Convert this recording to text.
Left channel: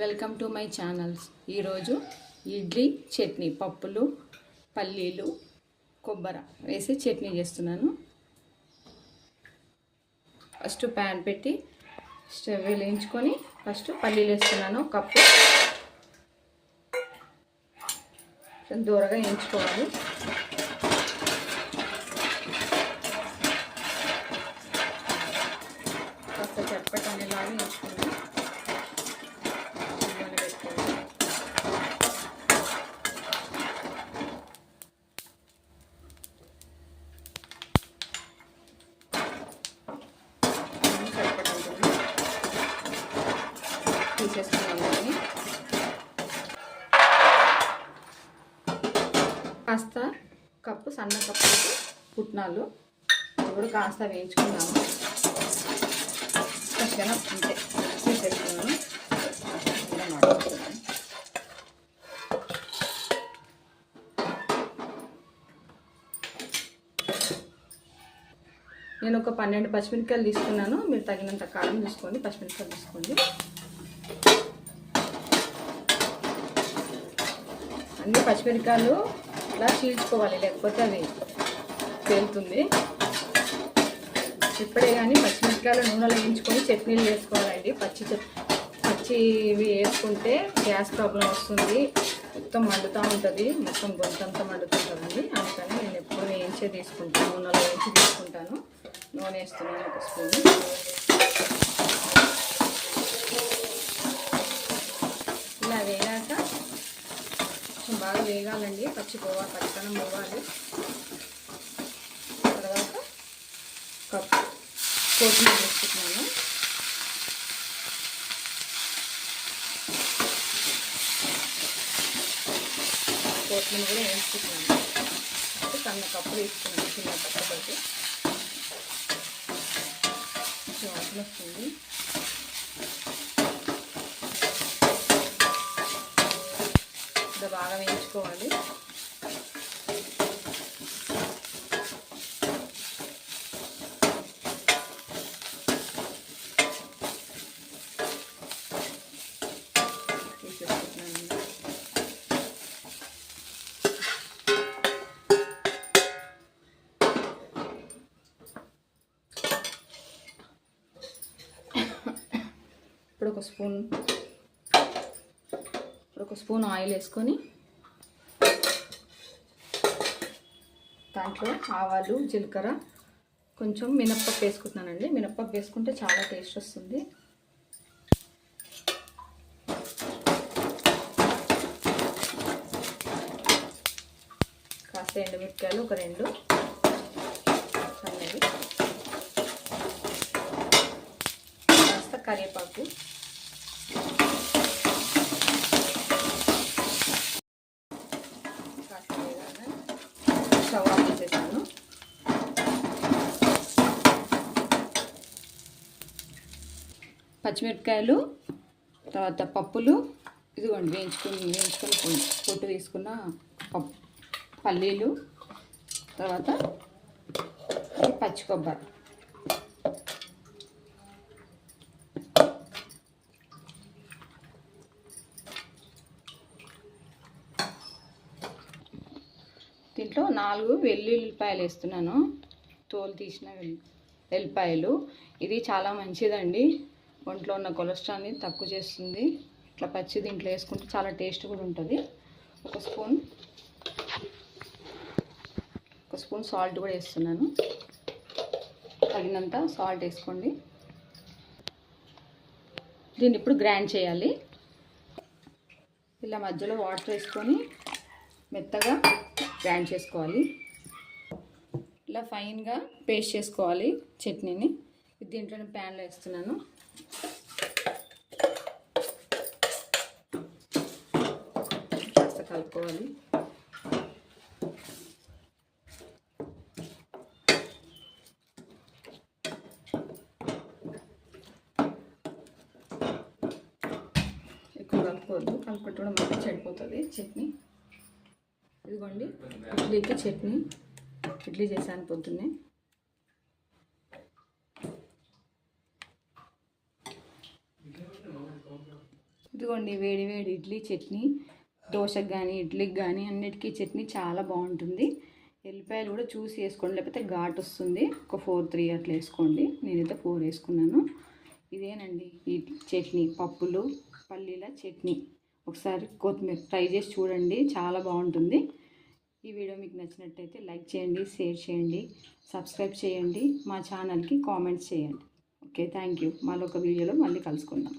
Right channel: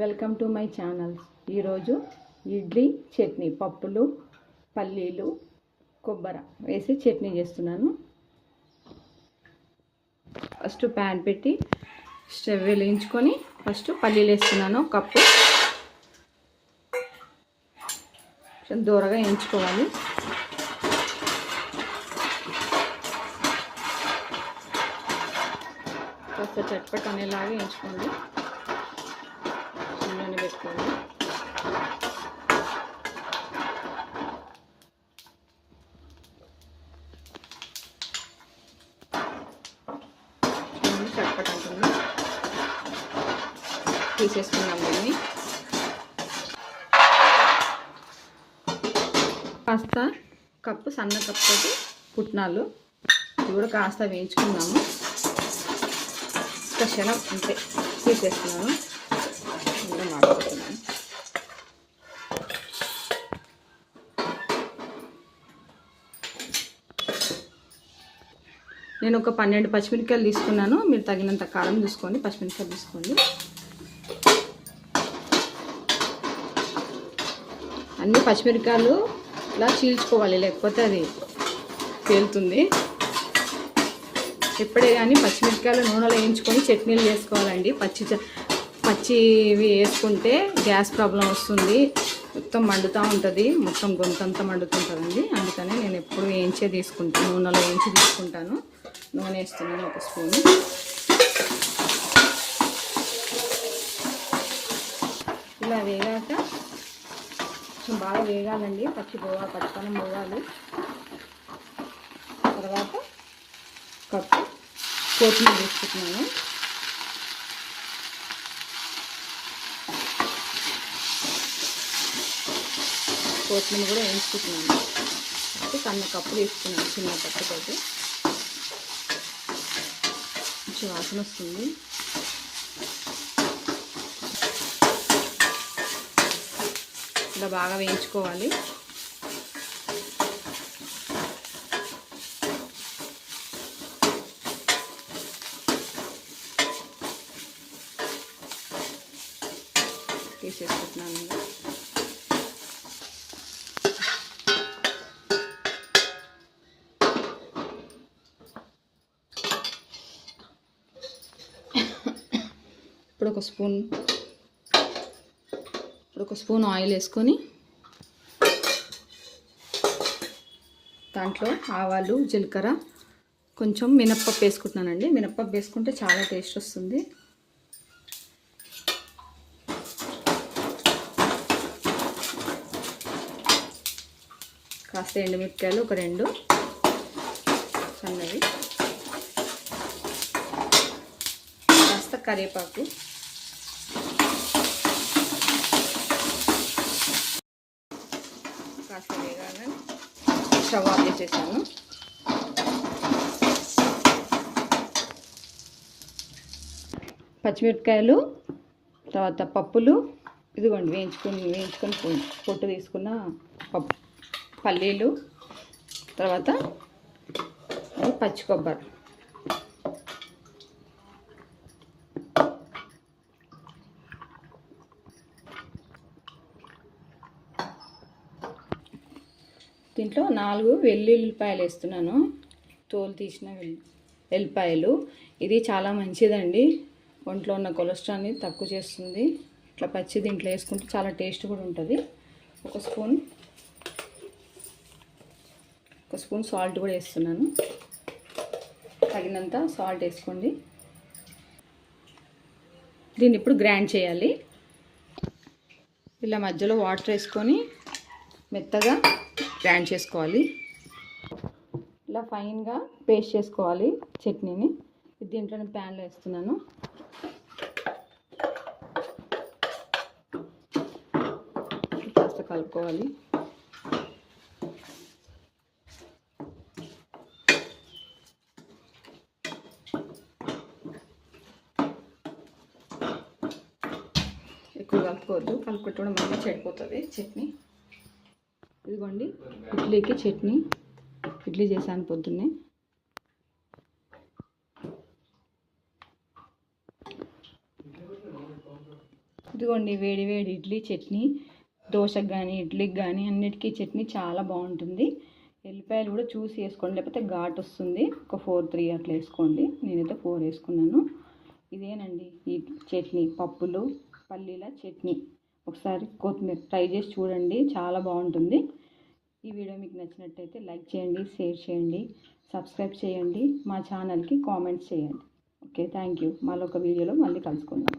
Welcome to my channels. ఈరోజు ఇడ్లీ చట్నీ, పప్పులు, పల్లీలు, కొబ్బరి వేసి చట్నీ చేస్తున్నాను. ఫస్ట్ ప్యాన్ పెట్టి స్టవ్ వెలిగించుకొని ఫస్ట్ పల్లీలు వేస్తున్నాను. కప్పు కొంచెం దూరగా వేయించుకోవాలి. కాస్త చట్పట్ అనేలాగా వేయించుకోండి. తీసేసుకున్నాను. కాస్త కప్పు సన్న కప్పు పుట్నాలు ఇవి కూడా కాస్త వేయించుకున్నాము. క్షణం అంతే తీసేసుకున్నాను. నేను ఒక 12 పచ్చిమిరపకాయలు తీసుకున్నాను. మీరు తగినంత కారం చూసుకోండి, పచ్చిమిరపకాయలు తీసుకోండి. అన్ని పచ్చిమిరపకాయలు ఇలా చీల్చుకోవాలి, లేకపోతే అది పేలుతుంది. ఎప్పుడే కానీ పచ్చిమిరపకాయలు నూనెలో వేయించుకొని చట్నీలు చేసుకోవాలండి. పచ్చివి వేసుకుంటే గ్యాస్ ప్రాబ్లం వస్తుంది, మొత్తం మండుతూ ఉంటుంది, మొత్తం గొంతంతా మండుతుంటుందండి. అందుకని నేను ఎప్పుడు వేయించే తీసుకుంటాను, నూనెలో వేయించి తీసుకుంటాను. నూనె వేస్తున్నాను ఒక స్పూను. ఇలా వేగాక బాగా వేగాలండి, పచ్చికనం పోవాలి. తర్వాత కప్పు కొత్తిమీర వేసుకుంటున్నాను. కొత్తిమీర కూడా వేసుకుంటున్నాను. సన్న కప్పు తీసుకున్నాను, చిన్న కప్పుతోటి కొంచెం వాసన వస్తుంది. ఇలా బాగా వేయించుకోవాలి. తీసేసుకుంటున్నాను. ఇప్పుడు ఒక స్పూన్ ఆయిల్ వేసుకొని దాంట్లో ఆవాలు, జీలకర్ర, కొంచెం మినప్పప్పు వేసుకుంటున్నానండి. మినప్పప్పు వేసుకుంటే చాలా టేస్ట్ వస్తుంది. కాస్త ఎండుమిరపకాయలు ఒక 2 సన్నవి, కాస్త కరివేపాకు, కాస్త వేగానే స్టవ్ ఆఫ్ చేసేసాను. పచ్చిమిరపకాయలు, తర్వాత పప్పులు ఇదిగోండి వేయించుకొని పొట్టు తీసుకున్న పల్లీలు, తర్వాత పచ్చి కొబ్బరి, దీంట్లో 4 వెల్లుల్లిపాయలు వేస్తున్నాను. తోలు తీసిన వెల్లిపాయలు. ఇది చాలా మంచిదండి, ఒంట్లో ఉన్న కొలెస్ట్రాల్ని తక్కువ చేస్తుంది. ఇట్లా పచ్చి దీంట్లో వేసుకుంటే చాలా టేస్ట్ కూడా ఉంటుంది. ఒక స్పూన్ సాల్ట్ కూడా వేస్తున్నాను. తగినంత సాల్ట్ వేసుకోండి. దీన్ని ఇప్పుడు గ్రైండ్ చేయాలి. ఇలా మధ్యలో వాటర్ వేసుకొని మెత్తగా గ్రైండ్ చేసుకోవాలి. ఇలా ఫైన్గా పేస్ట్ చేసుకోవాలి చట్నీని. దీంట్లో ప్యాన్లో వేస్తున్నాను. కాస్త కలుపుకోవాలి. ఎక్కువ కలుపుకోవద్దు, కలుపుకుంటే కూడా మళ్ళీ చెడిపోతుంది చట్నీ. ఇదిగోండి ఇడ్లీకి చట్నీ. ఇడ్లీ చేశాను పొద్దున్నే. ఇదిగోండి వేడి వేడి ఇడ్లీ చట్నీ, దోశకు కానీ ఇడ్లీకి కానీ అన్నిటికీ చట్నీ చాలా బాగుంటుంది. ఎల్లిపాయలు కూడా చూసి వేసుకోండి, లేకపోతే ఘాటు వస్తుంది. ఒక 4-3 అట్లా వేసుకోండి. నేనైతే 4 వేసుకున్నాను. ఇదేనండి ఈ చట్నీ, పప్పులు పల్లీల చట్నీ. ఒకసారి కొత్తిమీర ట్రై చేసి చూడండి, చాలా బాగుంటుంది. ఈ వీడియో మీకు నచ్చినట్టయితే లైక్ చేయండి, షేర్ చేయండి, సబ్స్క్రైబ్ చేయండి, మా ఛానల్కి కామెంట్స్ చేయండి. Okay, thank you. మళ్ళీ ఒక వీడియోలో మళ్ళీ కలుసుకుందాం.